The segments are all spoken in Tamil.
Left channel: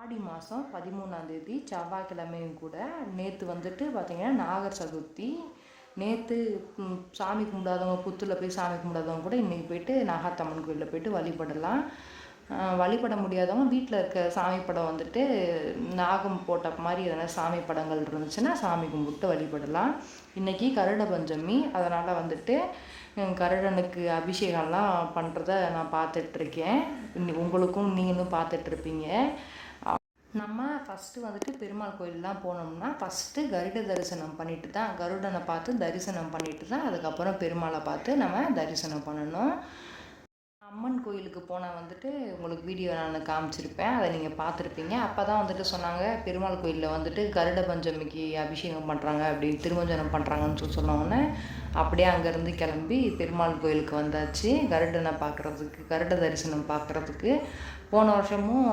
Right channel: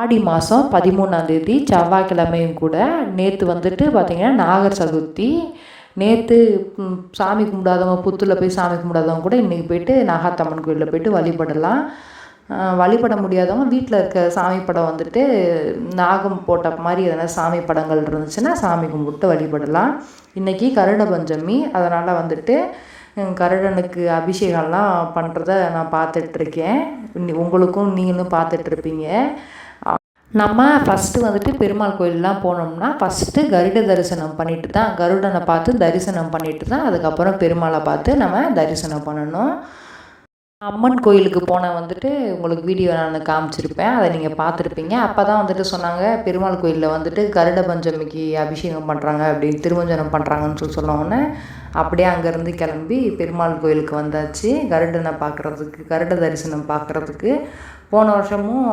ஆடி மாதம் 13ஆந்தேதி செவ்வாய்க்கிழமையும் கூட. நேற்று வந்துட்டு பார்த்திங்கன்னா நாகர் சதுர்த்தி. நேற்று சாமி கும்பிடாதவங்க, புத்தூரில் போய் சாமி கும்பிடாதவங்க கூட இன்றைக்கி போய்ட்டு நாகாத்தம்மன் கோயிலில் போய்ட்டு வழிபடலாம். வழிபட முடியாதவங்க வீட்டில் இருக்க சாமி படம் வந்துட்டு நாகம் போட்ட மாதிரி எதனா சாமி படங்கள் இருந்துச்சுன்னா சாமி கும்பிட்டு வழிபடலாம். இன்றைக்கி கருட பஞ்சமி, அதனால் வந்துட்டு கருடனுக்கு அபிஷேகம்லாம் பண்ணுறத நான் பார்த்துட்ருக்கேன். உங்களுக்கும் நீங்களும் பார்த்துட்ருப்பீங்க. நம்ம ஃபஸ்ட்டு வந்துட்டு பெருமாள் கோயிலெலாம் போனோம்னா ஃபஸ்ட்டு கருட தரிசனம் பண்ணிட்டு தான், கருடனை பார்த்து தரிசனம் பண்ணிட்டு தான் அதுக்கப்புறம் பெருமாளை பார்த்து நம்ம தரிசனம் பண்ணணும். அம்மன் கோயிலுக்கு போனால் வந்துட்டு உங்களுக்கு வீடியோ நான் காமிச்சிருப்பேன், அதை நீங்கள் பார்த்துருப்பீங்க. அப்போ தான் வந்துட்டு சொன்னாங்க பெருமாள் கோயிலில் வந்துட்டு கருட பஞ்சமிக்கு அபிஷேகம் பண்ணுறாங்க அப்படின்னு, திருமஞ்சனம் பண்ணுறாங்கன்னு சொன்னோன்னே அப்படியே அங்கேருந்து கிளம்பி பெருமாள் கோயிலுக்கு வந்தாச்சு கருடனை பார்க்குறதுக்கு, கருட தரிசனம் பார்க்குறதுக்கு. போன வருஷமும்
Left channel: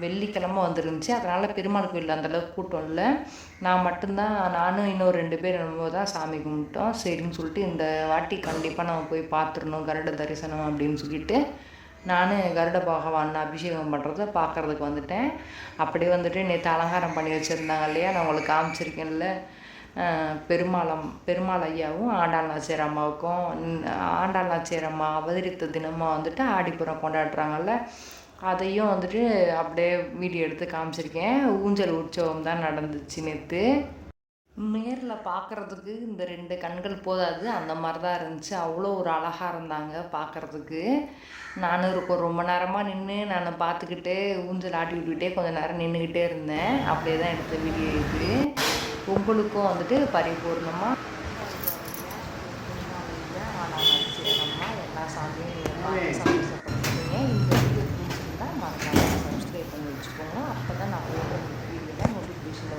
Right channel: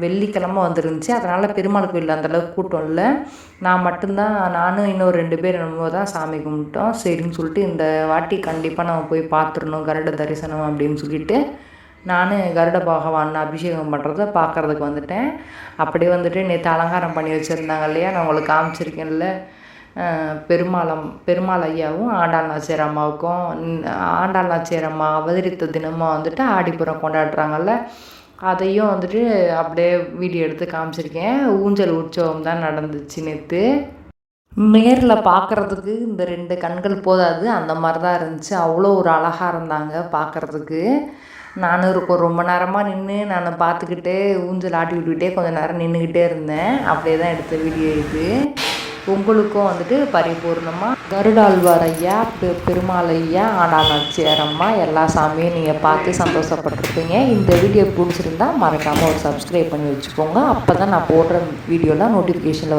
வெள்ளிக்கிழமை வந்துருந்துச்சு, அதனால் பெருமாள் கோயிலில் அந்தளவுக்கு கூட்டம் இல்லை. நான் மட்டும்தான், நானும் இன்னும் 2 பேர் என்னமோ தான் சாமி கும்பிட்டோம். சரின்னு சொல்லிட்டு இந்த வாட்டி கண்டிப்பாக நம்ம போய் பார்த்துடணும் கருட தரிசனம் அப்படின்னு சொல்லிட்டு நான் கருட பகவான் அபிஷேகம் பண்ணுறத பார்க்குறதுக்கு வந்துட்டேன். அப்படியே வந்துட்டு நேற்று அலங்காரம் பண்ணி வச்சுருந்தாங்க இல்லையா, நான் உங்களுக்கு காமிச்சிருக்கேன்ல. பெருமாள் ஐயாவும் ஆண்டாள் நாச்சியார் அம்மாவுக்கும், ஆண்டாள் நாச்சியார் அம்மா அவதரித்த தினமாக வந்துட்டு ஆடிப்புறம் கொண்டாடுறாங்கல்ல, அதையும் வந்துட்டு அப்படியே வீடியோ எடுத்து காமிச்சிருக்கேன். ஊஞ்சல் உற்சவம் தான் நடந்துச்சு நேற்று. நேரில் பார்க்குறதுக்கு இந்த 2 கண்கள் போதாது, அந்த மாதிரி தான் இருந்துச்சு. அவ்வளோ ஒரு அழகாக இருந்தாங்க பார்க்குறதுக்கு. நானும் ரொம்ப நேரமாக நின்று நான் பார்த்துக்கிட்டே ஊஞ்சல் ஆட்டி விட்டுக்கிட்டே கொஞ்சம் நேரம் நின்றுக்கிட்டே இருந்தேன். அப்படியே தான் எடுத்த வீடியோ இது. உங்களுக்கும் வந்துட்டு பரிபூர்ணமாக கருடாழ்வார் ஐயா, பெருமாள் ஐயா, ஆண்டாள் நாச்சியார் அம்மா எல்லா சாமியும் நீங்கள் பார்த்து சந்தோஷப்பட்டிருப்பீங்க. இந்த வீடியோ பிடிச்சிருந்தா மறக்காமல் ஒரு சப்ஸ்கிரைப் பண்ணி வச்சுக்கோங்க. அப்போ தான் நான் போடுற வீடியோலாம் நோட்டிஃபிகேஷனில் வரும்.